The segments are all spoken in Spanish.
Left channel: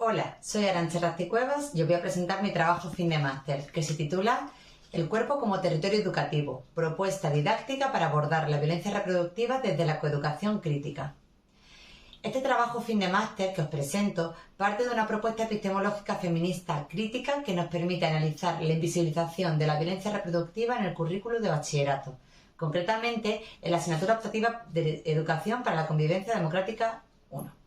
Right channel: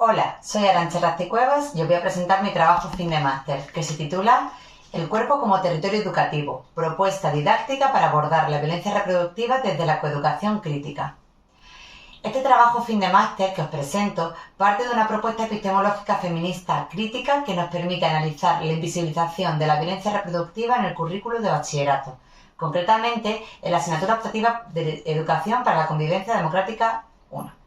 Hola, soy Arantxa Razzi-Cuevas y os voy a presentar mi trabajo fin de máster, que se titula El cuerpo como territorio educativo, propuesta didáctica para abordar la violencia reproductiva desde la coeducación crítica. Este trabajo fin de máster que os presento parte de una propuesta epistemológica feminista crítica que nos permite analizar la invisibilización de la violencia reproductiva en el currículo de bachillerato, concretamente en la asignatura optativa de Educación para la Convivencia Democrática 1.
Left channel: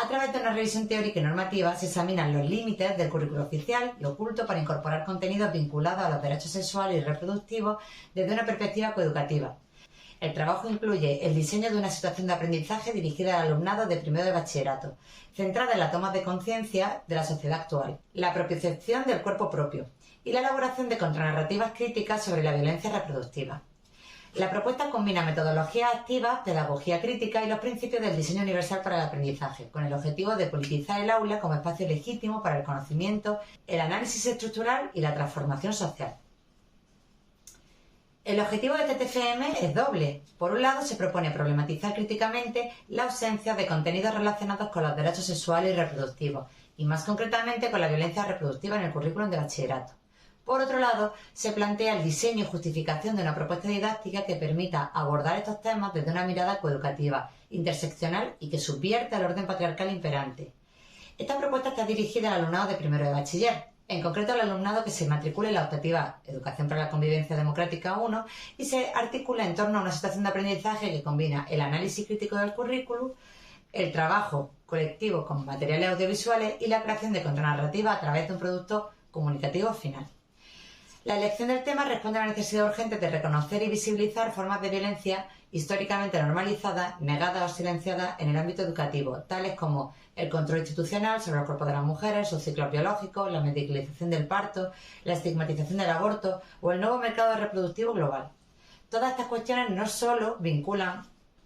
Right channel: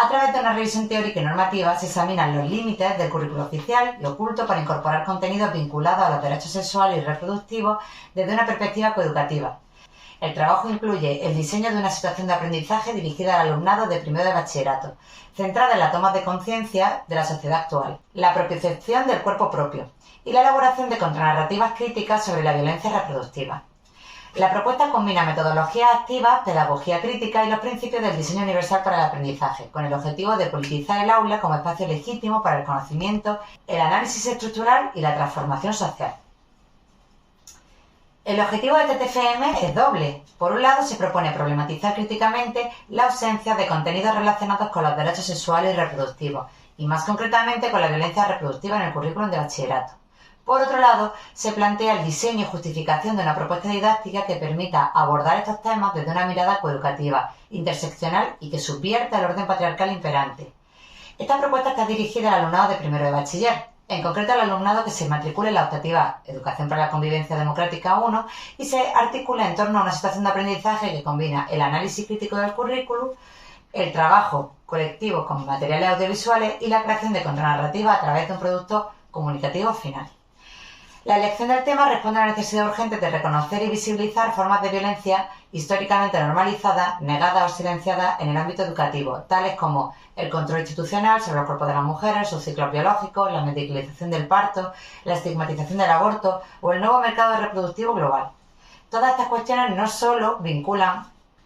A través de una revisión teórica y normativa se examinan los límites del currículo oficial y oculto para incorporar contenidos vinculados a los derechos sexuales y reproductivos desde una perspectiva coeducativa. El trabajo incluye el diseño de una situación de aprendizaje dirigida al alumnado de primero de bachillerato, centrada en la toma de conciencia de la sociedad actual, la propiocepción del cuerpo propio y la elaboración de contranarrativas críticas sobre la violencia reproductiva. La propuesta combina metodologías activas, pedagogía crítica y los principios del diseño universal para el aprendizaje, con el objetivo de politizar el aula como espacio legítimo para el conocimiento, el análisis estructural y la transformación social. El objetivo de TTFM es doble. Por un lado, se propone problematizar críticamente la ausencia de contenidos relacionados con los derechos sexuales y reproductivos, y más concretamente con la violencia reproductiva en el currículum de bachillerato. Por otro lado, se plantea el diseño y justificación de una propuesta didáctica que permita abordar estos temas desde una mirada coeducativa, interseccional y que subvierta el orden patriarcal imperante. Esta propuesta está dirigida al alumnado de primero de bachiller, en concreto al alumnado que se matricule en la optativa Educación para la Convivencia Democrática 1 y se articula en torno a una situación de aprendizaje que combina el análisis crítico del currículum, el trabajo colectivo con materiales audiovisuales y la creación de contranarrativa a través de un producto comunicativo final. La elección del tema responde a la necesidad urgente de reconocer y visibilizar formas de violencia históricamente normalizadas, negadas o silenciadas en el ámbito educativo, tales como el control institucional sobre los cuerpos de las mujeres, sus ciclos biológicos, la medicalización del parto, la estigmatización del aborto o el nuevo mercado reproductivo global. Todas estas cuestiones no solo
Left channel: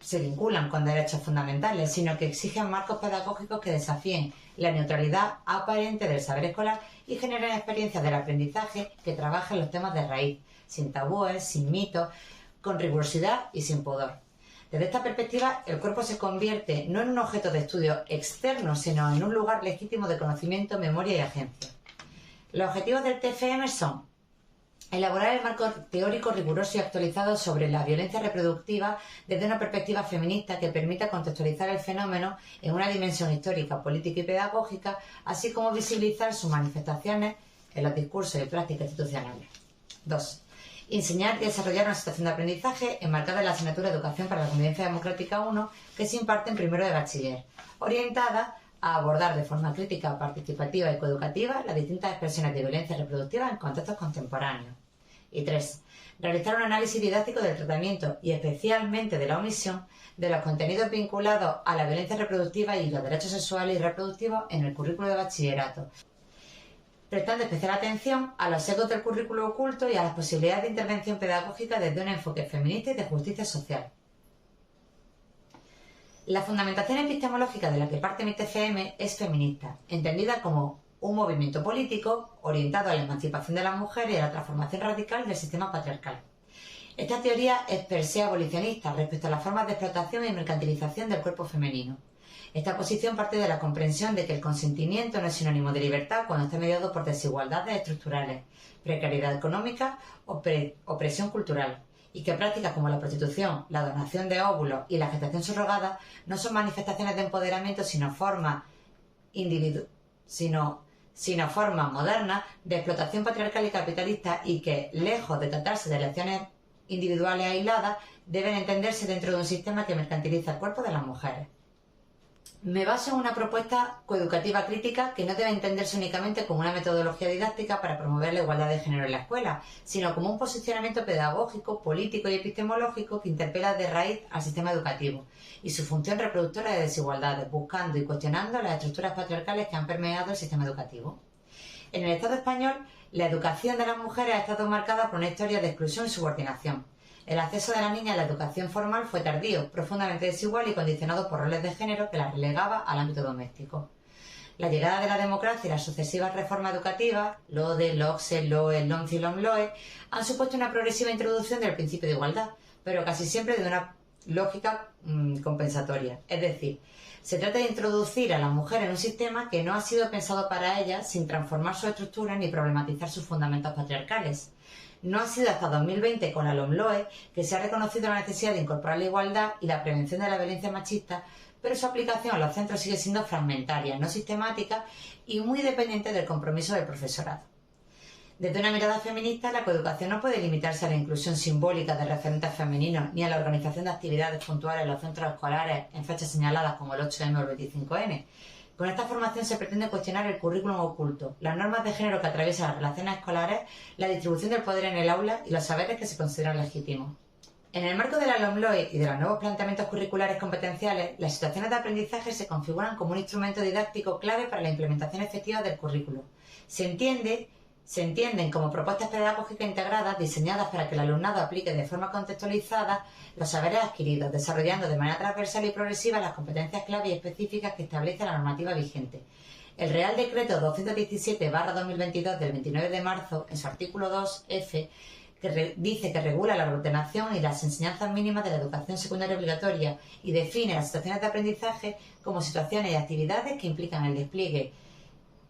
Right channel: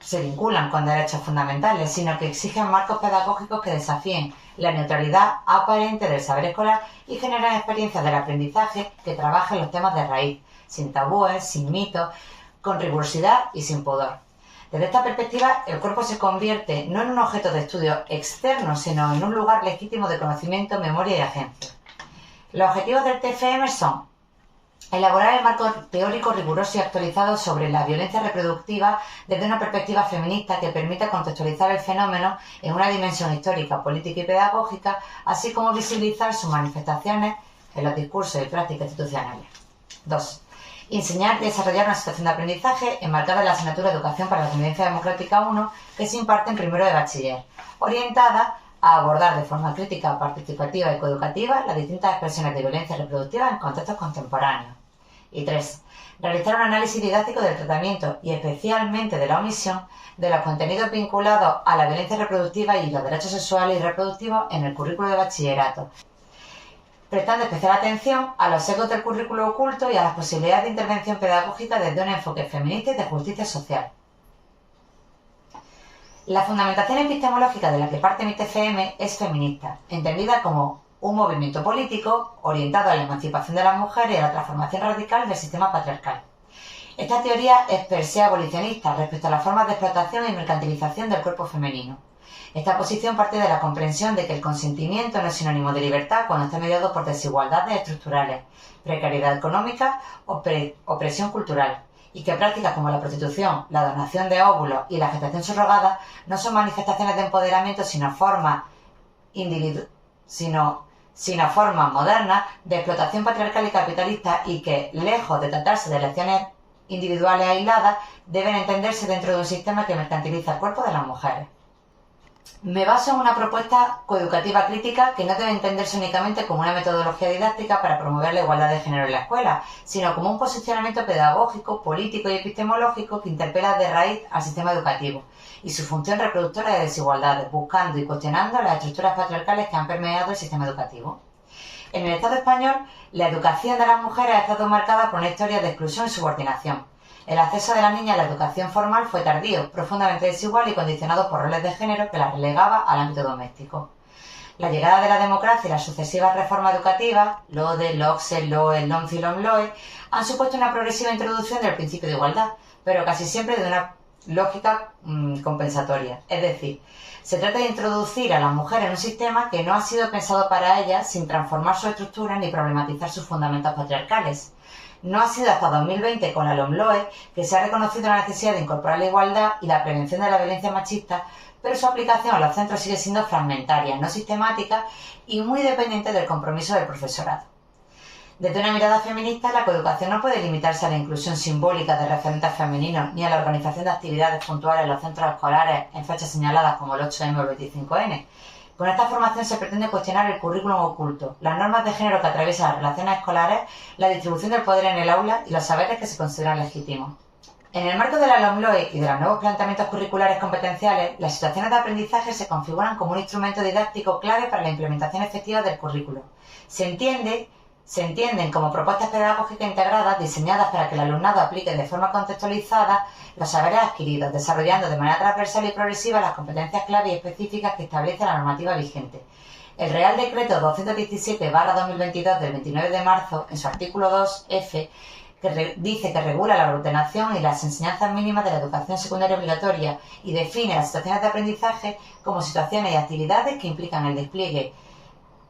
se vinculan con derechos fundamentales, sino que exigen marcos pedagógicos que desafíen la neutralidad aparente del saber escolar y generan experiencias del aprendizaje que trabajen los temas de raíz, sin tabúes, sin mitos, con rigurosidad y sin pudor. Desde esta perspectiva, el cuerpo se convierte no en un objeto de estudio externo, sino en un lugar legítimo de conocimiento, memoria y agencia. Los objetivos del TFM son elaborar el marco teórico riguroso y actualizado sobre la violencia reproductiva desde una perspectiva feminista que permita contextualizar el fenómeno en una dimensión histórica, política y pedagógica, así como visibilizar sus manifestaciones en los discursos y prácticas institucionales. 2. Enseñar y desarrollar una situación de aprendizaje enmarcada en la asignatura Educación para la Convivencia Democrática 1 que se imparte en primero de bachiller, orientada a abordar de forma crítica, participativa y coeducativa las distintas expresiones de violencia reproductiva en contextos contemporáneos. Y 3. Realizar un análisis didáctico del tratamiento y especialmente de la omisión de los contenidos vinculados a la violencia reproductiva y los derechos sexuales y reproductivos en el currículo de bachillerato, prestando especial atención a los sesgos del currículo oculto y a las posibilidades de intervención pedagógica desde un enfoque feminista y de justicia social. La fundamentación epistemológica de la que parte mi TFM es feminista, entendida como un movimiento político orientado a la emancipación de las mujeres y a la transformación radical del sistema patriarcal. Esta teoría es per se abolicionista respecto a las formas de explotación y mercantilización del cuerpo femenino. Esta posición parte de la comprensión de que el consentimiento no es sinónimo de libertad cuando está mediado por desigualdades estructurales, precariedad económica o opresión cultural, y que prácticas como la prostitución, la donación de óvulos y la gestación subrogada no son manifestaciones de empoderamiento sino formas modernas de explotación patriarcal y capitalista y que, lejos de tratarse de elecciones individuales aisladas, deben entenderse dentro de un sistema que mercantiliza el cuerpo de las mujeres. Me baso en una propuesta coeducativa crítica que no debe entenderse únicamente como una metodología didáctica para promover la igualdad de género en la escuela, sino como un posicionamiento pedagógico, político y epistemológico que interpela de raíz al sistema educativo y su función reproductora de desigualdades, buscando y cuestionando las estructuras patriarcales que han permeado el sistema educativo. En el Estado español, la educación de las mujeres ha estado marcada por una historia de exclusión y subordinación. El acceso de la niña a la educación formal fue tardío, profundamente desigual y condicionado por roles de género que la relegaba al ámbito doméstico. La llegada de la democracia y las sucesivas reformas educativas, LODE, LOCSE, LOE, LOMCE y LOMLOE, han supuesto una progresiva introducción del principio de igualdad, pero casi siempre de una lógica compensatoria. Es decir, Se trata de introducir a la mujer en un sistema que no ha sido pensado para ella sin transformar su estructura ni problematizar sus fundamentos patriarcales. No ha sido hasta 2020 con la LOMLOE que se ha reconocido la necesidad de incorporar la igualdad y la prevención de la violencia machista, pero su aplicación a los centros sigue siendo fragmentaria, no sistemática y muy dependiente del compromiso del profesorado. Desde una mirada feminista, la coeducación no puede limitarse a la inclusión simbólica de referentes femeninos ni a la organización de actividades puntuales en los centros escolares en fechas señaladas como el 8M o el 25N. Con esta formación se pretende cuestionar el currículum oculto, las normas de género que atraviesan las relaciones escolares, la distribución del poder en el aula y los saberes que se consideran legítimos. En el marco de la LOMLOE y de los nuevos planteamientos curriculares competenciales, las situaciones de aprendizaje se configuran como un instrumento didáctico clave para la implementación efectiva del currículo. Se entienden como propuestas pedagógicas integradas diseñadas para que el alumnado aplique de forma contextualizada los saberes adquiridos, desarrollando de manera transversal y progresiva las competencias clave y específicas que establece la normativa vigente. El Real Decreto 217/2022 del 29 de marzo, en su artículo 2F, que dice que regula la ordenación y las enseñanzas mínimas de la educación secundaria obligatoria y define las situaciones de aprendizaje como situaciones y actividades que implican el despliegue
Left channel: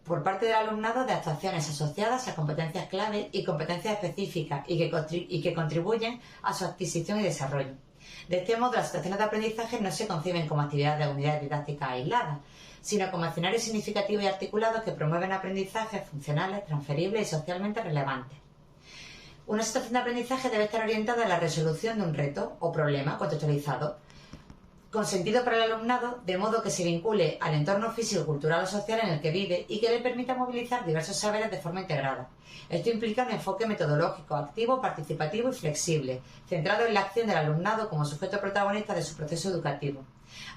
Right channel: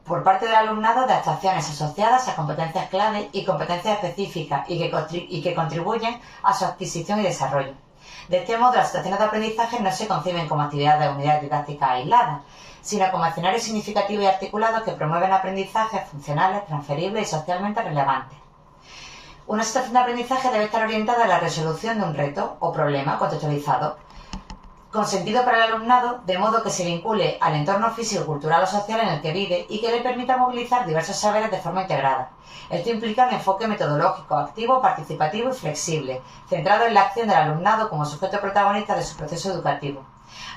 por parte del alumnado de actuaciones asociadas a competencias clave y competencias específicas y que contribuyen a su adquisición y desarrollo. De este modo, las situaciones de aprendizaje no se conciben como actividades de unidades didácticas aisladas, sino como escenarios significativos y articulados que promueven aprendizajes funcionales, transferibles y socialmente relevantes. Una situación de aprendizaje debe estar orientada a la resolución de un reto o problema contextualizado, con sentido para el alumnado, de modo que se vincule al entorno físico, cultural o social en el que vive y que le permita movilizar diversos saberes de forma integrada. Esto implica un enfoque metodológico, activo, participativo y flexible, centrado en la acción del alumnado como sujeto protagonista de su proceso educativo.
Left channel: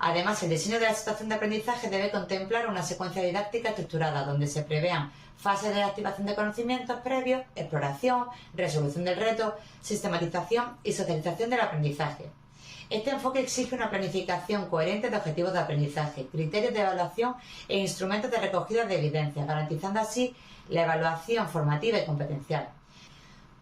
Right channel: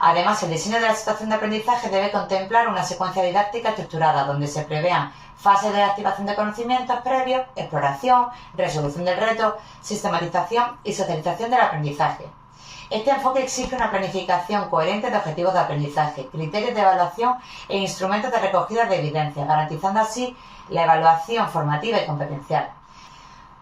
Además, el diseño de la situación de aprendizaje debe contemplar una secuencia didáctica estructurada donde se prevean fases de activación de conocimientos previos, exploración, resolución del reto, sistematización y socialización del aprendizaje. Este enfoque exige una planificación coherente de objetivos de aprendizaje, criterios de evaluación e instrumentos de recogida de evidencia, garantizando así la evaluación formativa y competencial.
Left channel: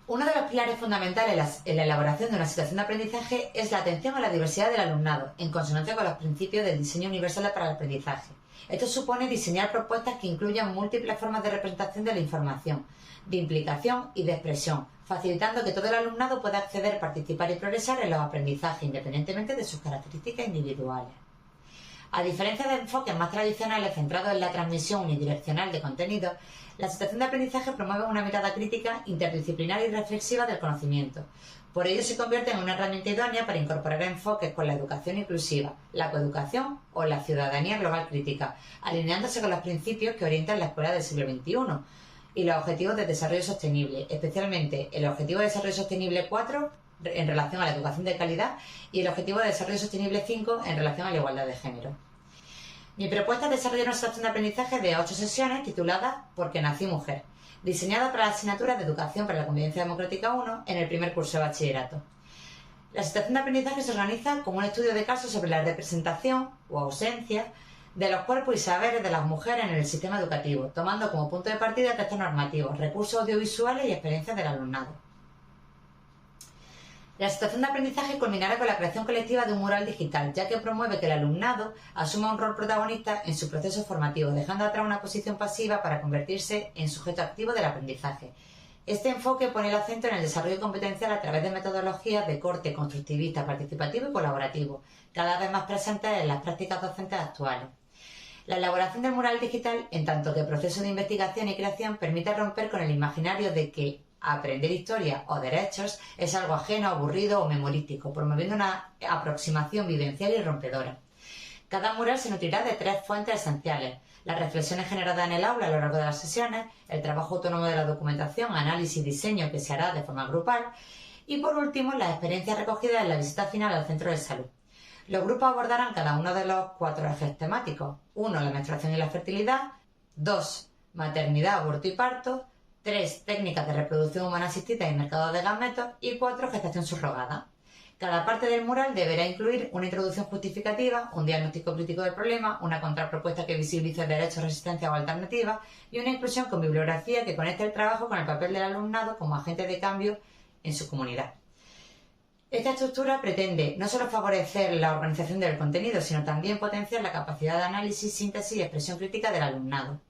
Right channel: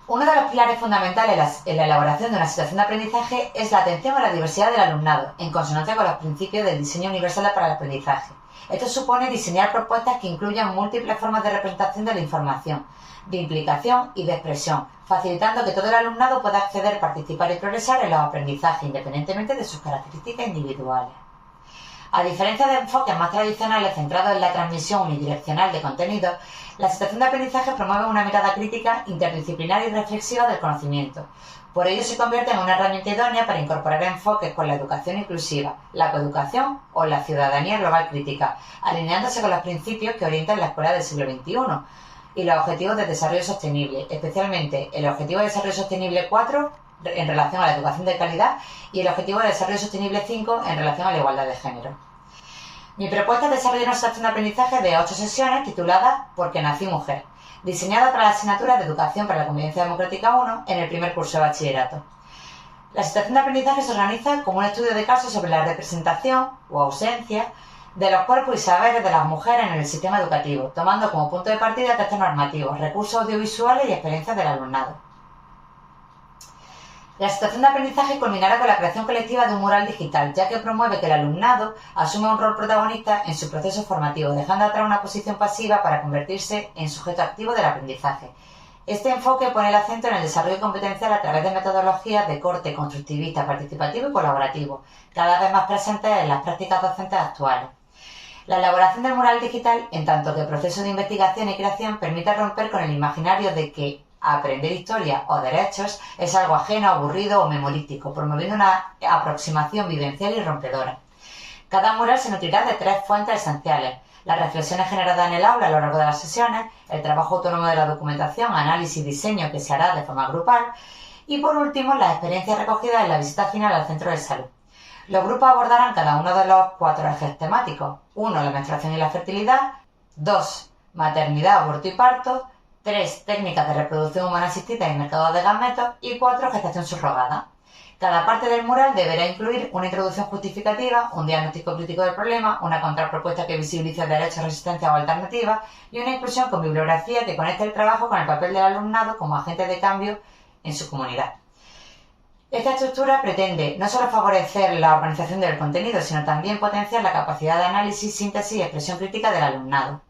Uno de los pilares fundamentales en la elaboración de una situación de aprendizaje es la atención a la diversidad del alumnado, en consonancia con los principios del diseño universal para el aprendizaje. Esto supone diseñar propuestas que incluyan múltiples formas de representación de la información, de implicación y de expresión, facilitando que todo el alumnado pueda acceder, participar y progresar en los aprendizajes independientemente de sus características individuales. A diferencia de enfoques más tradicionales centrados en la transmisión unidireccional de contenidos, la situación de aprendizaje promueve una mirada crítica, interdisciplinar y reflexiva del conocimiento. Por ello se convierte en una herramienta idónea para incorporar enfoques con la educación inclusiva, la coeducación o la ciudadanía global crítica, alineándose con los principios que orientan la escuela del siglo XXI y los objetivos de desarrollo sostenible, especialmente el Objetivo de Desarrollo Sostenible 4 en relación a la educación de calidad y el Objetivo de Desarrollo Sostenible 5 en relación a la igualdad de género. Mi propuesta es desarrollar una situación de aprendizaje de 8 sesiones titulada Porque nací mujer, diseñada para la asignatura de Educación para la Convivencia Democrática 1 en el primer curso de bachillerato. La situación de aprendizaje se organiza como un estudio de caso sobre la representación o ausencia de los cuerpos y saberes de las mujeres en el sistema educativo, tomando como punto de partida textos normativos, recursos audiovisuales y experiencias del alumnado. La situación de aprendizaje culminará con la creación colectiva de un mural digital, ya que promueve que el alumnado asuma un rol protagonista en su proceso formativo, dejando atrás una posición pasiva para convertirse en sujeto activo del aprendizaje. Este enfoque pone el acento en el desarrollo competencial a través de metodologías de corte constructivista, participativo y colaborativo, cada vez más presentes en las prácticas docentes actuales. La elaboración del mural digital, en tanto que proceso de investigación y creación, permite romper con el imaginario de que aprender historia o derechos es algo ajeno, aburrido o memorístico, promoviendo una aproximación vivencial y rompedora. Cada mural se nutrirá de 3 fuentes esenciales: las reflexiones generadas en el aula a lo largo de las sesiones, el trabajo autónomo de la documentación, análisis y diseño que se hará de forma grupal y, por último, las experiencias recogidas en la visita final al centro de salud. Los grupos abordarán cada uno de los 4 ejes temáticos: 1. La menstruación y la fertilidad; 2. Maternidad, aborto y parto; 3. Técnicas de reproducción humana asistida y mercado de gametos; y 4. Gestación subrogada. Cada parte del mural deberá incluir una introducción justificativa, un diagnóstico crítico del problema, una contrapropuesta que visibilice derechos, resistencia o alternativas y una inclusión con bibliografía que conecte el trabajo con el papel del alumnado como agente de cambio en su comunidad. Esta estructura pretende no solo favorecer la organización del contenido, sino también potenciar la capacidad de análisis, síntesis y expresión crítica del alumnado.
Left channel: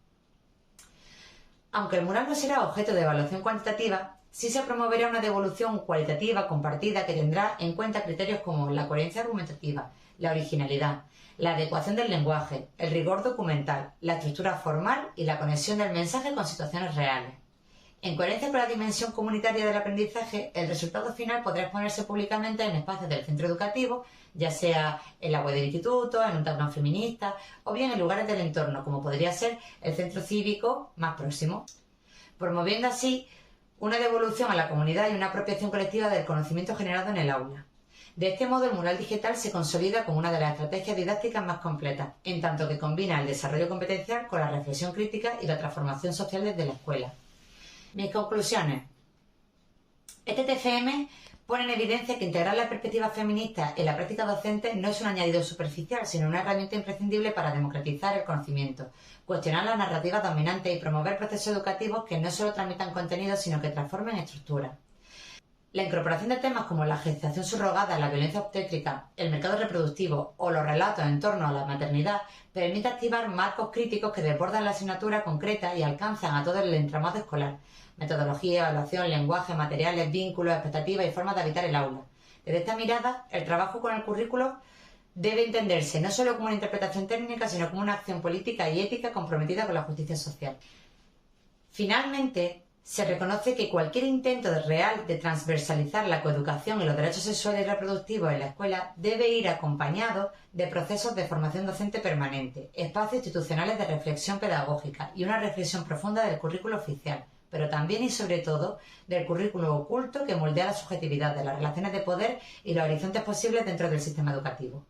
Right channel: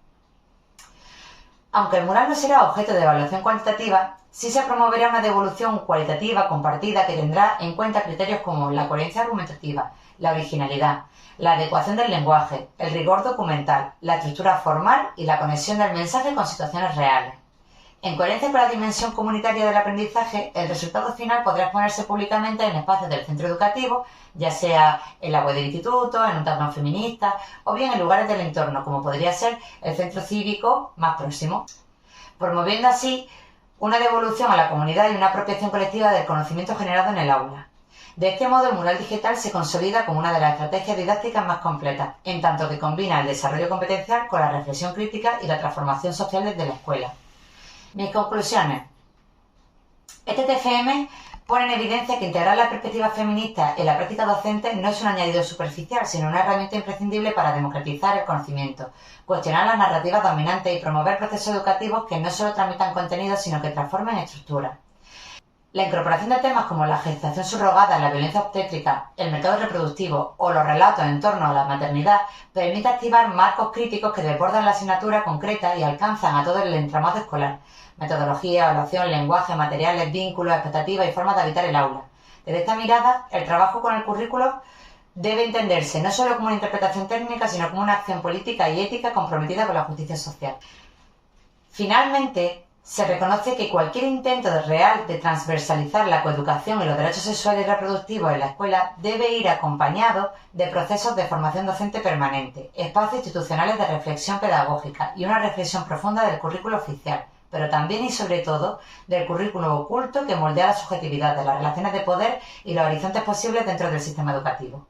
Aunque el mural no será objeto de evaluación cuantitativa, sí se promoverá una devolución cualitativa compartida que tendrá en cuenta criterios como la coherencia argumentativa, la originalidad, la adecuación del lenguaje, el rigor documental, la estructura formal y la conexión del mensaje con situaciones reales. En coherencia con la dimensión comunitaria del aprendizaje, el resultado final podrá exponerse públicamente en espacios del centro educativo, ya sea en la web del instituto, en un tablón feminista o bien en lugares del entorno, como podría ser el centro cívico más próximo, promoviendo así una devolución a la comunidad y una apropiación colectiva del conocimiento generado en el aula. De este modo, el mural digital se consolida como una de las estrategias didácticas más completas, en tanto que combina el desarrollo competencial con la reflexión crítica y la transformación social desde la escuela. Mis conclusiones. Este TFM pone en evidencia que integrar la perspectiva feminista en la práctica docente no es un añadido superficial, sino una herramienta imprescindible para democratizar el conocimiento, cuestionar las narrativas dominantes y promover procesos educativos que no solo tramitan contenidos, sino que transformen estructuras. La incorporación de temas como la gestación subrogada, la violencia obstétrica, el mercado reproductivo o los relatos en torno a la maternidad permite activar marcos críticos que desbordan la asignatura concreta y alcanzan a todo el entramado escolar. Metodología, evaluación, lenguaje, materiales, vínculos, expectativas y formas de habitar el aula. Desde esta mirada, el trabajo con el currículo debe entenderse no solo como una interpretación técnica, sino como una acción política y ética comprometida con la justicia social. Finalmente, se reconoce que cualquier intento real de transversalizar la coeducación y los derechos sexuales y reproductivos en la escuela debe ir acompañado de procesos de formación docente permanente, espacios institucionales de reflexión pedagógica y una reflexión profunda del currículo oficial, pero también y sobre todo del currículo oculto que moldea la subjetividad de las relaciones de poder y los horizontes posibles dentro del sistema educativo.